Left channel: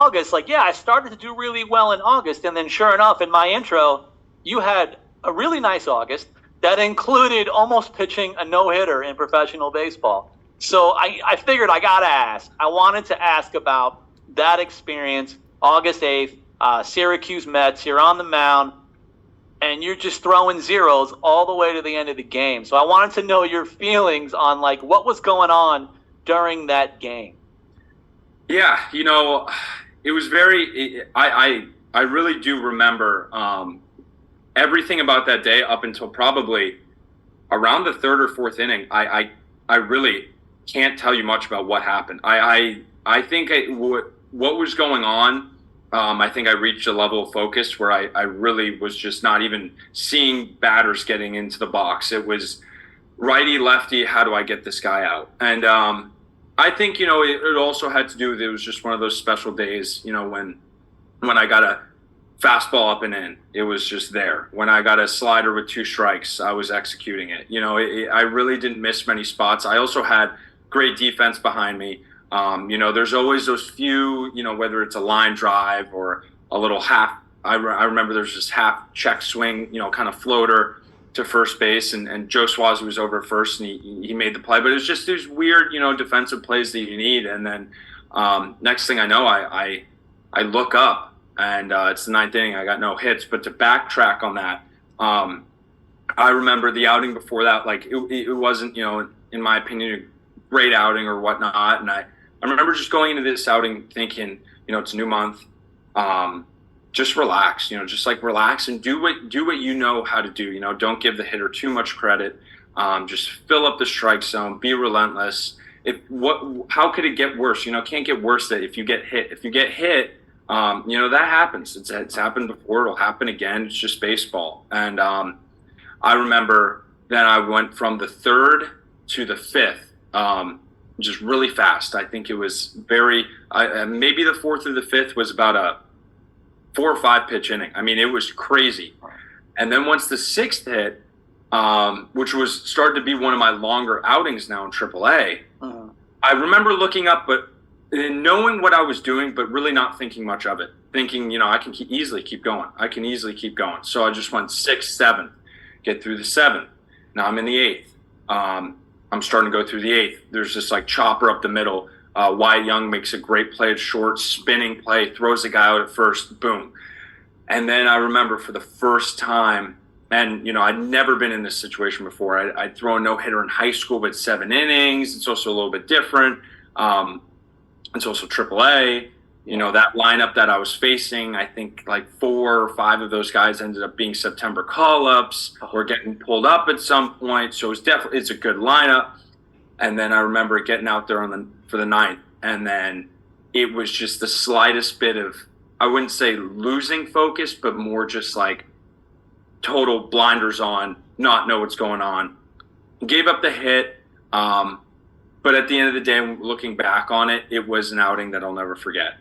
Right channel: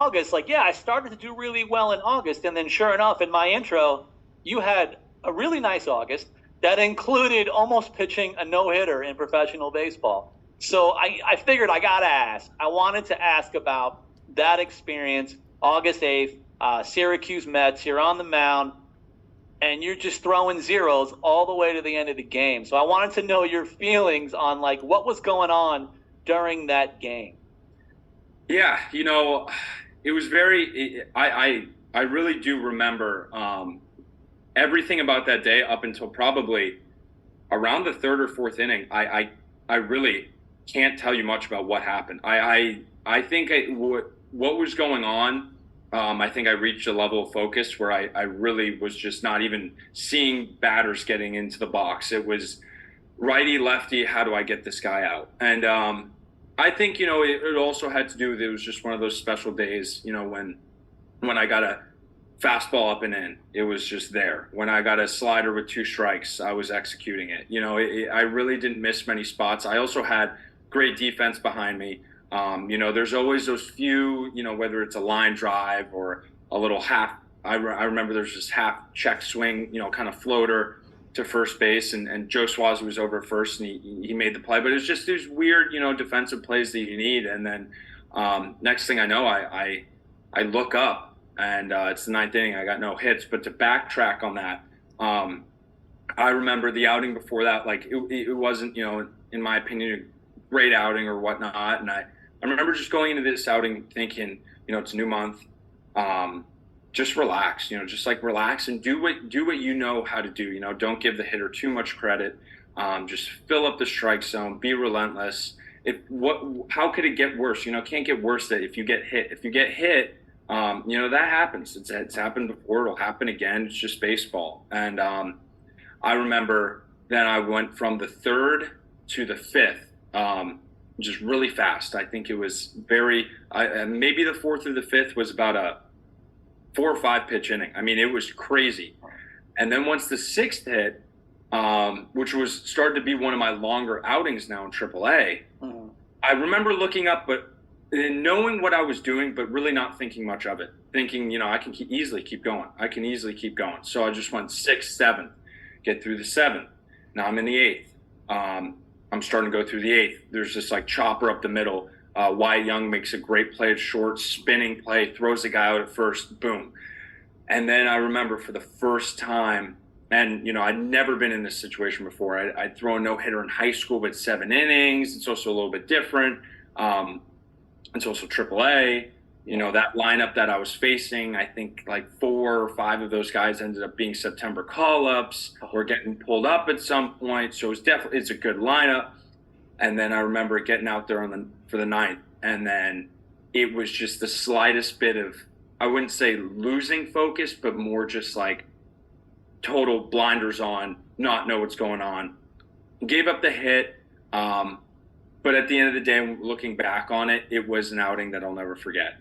August, like, yeah, I started to do really well in August. And then sure enough, in my intro, you had a really nice August that included almost pitching a no-hitter in professional baseball. So I figured I got to ask. I wanted to ask about that experience, August 8th, Syracuse Mets. You're on the mound, and you're just throwing zeros all the way to the end of the game. So I wanted to know your feelings on, like, what was going on during that game. Yeah, it was I really do remember everything about that day up until probably around the third or fourth inning. I really can't tell you much about what happened. I think what was going on. I think I reached a level of focus where I really was just not even seeing batters getting into the box. It was righty, lefty. How do I get this guy out? And I think it also had to do with, it was just one of those special days. When I got a fastball up and in, it was just there. When I got a slider with two strikes, I was executing it. I really didn't miss many spots. I also had great defense behind me. There's always those few, whether it's a line drive or a little half. I remember there's this half check swing, kind of floater to first base, and Joe Swazi was over first, and he made the play. But it was just these weird, defensive plays that you need. And then next thing I know, I look up, and it's the ninth inning. I got no hits. But to backtrack on that, I remember the outing before that, like it wasn't, in my opinion, a great outing or whatnot. And I remember just going into this outing thinking, it's a new month. Just relax, just like relax and do what you know how to do. Don't give the hitter too much credit. Just fill up the strike zone, be relentless. How could it get worse? Can't get worse that if you get hit. If you get hit, that happens. It's happened before. It'll happen again. It's just baseball. And I remember then I went from the third to the fifth, just really fast. I think it was maybe the fourth or the fifth was about a 4 or 5 pitch inning. I mean, it was crazy. And then once the sixth hit, which was started to be one of my longer outings now in AAA, I remember looking up, but knowing what I was doing, but really not thinking much of it. Thinking, I can easily keep going. I can easily keep going. So I just went sixth, seventh, get through the seventh. Now I'm in the eighth. I'm starting to go through the eighth. There's this like chopper up the middle. Wyatt Young makes a great play at short, spinning play, throws the guy out at first, boom. And then I remember for the first time, and I'd never been in this situation before. I'd throw a no-hitter in high school, but 7 innings. It's also a little bit different. It's also AAA. That lineup that I was facing, I think like 4 or 5 of those guys ended up being September call-ups or getting pulled up at some point. So it's a good lineup. And then I remember getting out there for the ninth, and then it was just the slightest bit of, I wouldn't say losing focus, but more just like total blinders on, not know what's going on. Gave up the hit, but at the end of the day, looking back on it, it was an outing that I'll never forget.